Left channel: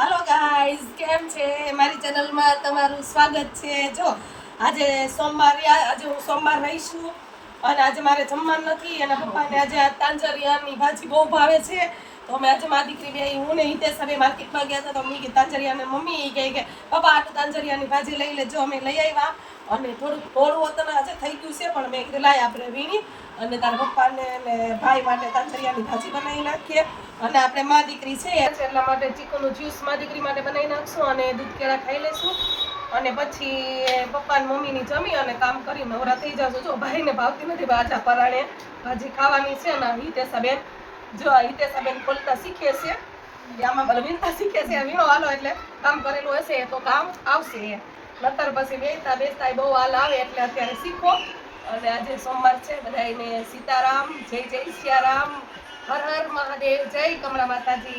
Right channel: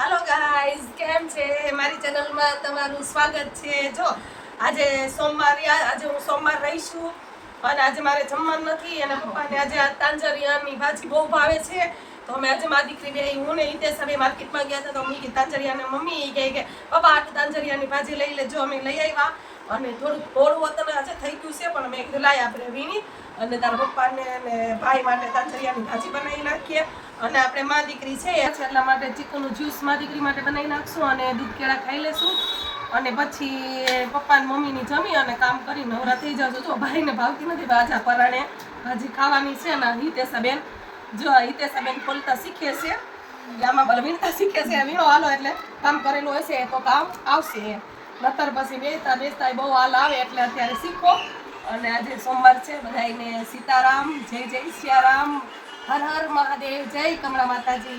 Hello guys, કેમ છે? મારી ચેનલમાં તમારું સ્વાગત છે. જો આજે આજે હું સોમવાર રહીશું અને આજે મારે જમવાનું નથી. એના પપ્પાને આજે આ તાંજરિયાની ભાજી બહુ ભાવે છે. તો અમે આજે મારી દીકરી બે હું ને હિતેશ હવે માર્કેટમાં ગયા હતા. તો મમ્મી તાંજરિયાને મમ્મી કહે કે પપ્પા આ તાંજરિયાની ભાજી લઈ લેજો. અમે લઈ આવ્યા અને થોડું થોડું વતન આજે થઈ ગયું છે, પણ મેં કીધું લાય આપણે વીણી અને તારા પપ્પાને અને ભાઈ માટે તાંજરિયાની ભાજી બનાવી નાખીએ. અને આપણે મા દીકરી છે એટલા માટે ચીકુનું જ્યુસ મા દીકરી માટે બનાવી નાખશું અને દૂધ કેળા ખાઈ લેશું અને પછી પપ્પા ને મમ્મીની જમી અને કામ કરી નવરા થઈ જશું. જો ભાઈને ભાવતી નથી ભાજા પરાણે ભાજી ખાવાની છે ને હિતેશાબેન ખોલતા શીખે છે, આમાં બધા વીણતા શીખે છે. વીણો હાલો એટલે કામ કરેલું હશે તો કામ આવશે, નતર પછી બેસતા બહુ હાલ આવે એટલે અત્યારે શીખો. અને આજે સોમવાર છે, બધાને સીતારામ, જય જય સિયારામ, હર હર મહાદેવ, જય કમળા માતાજી.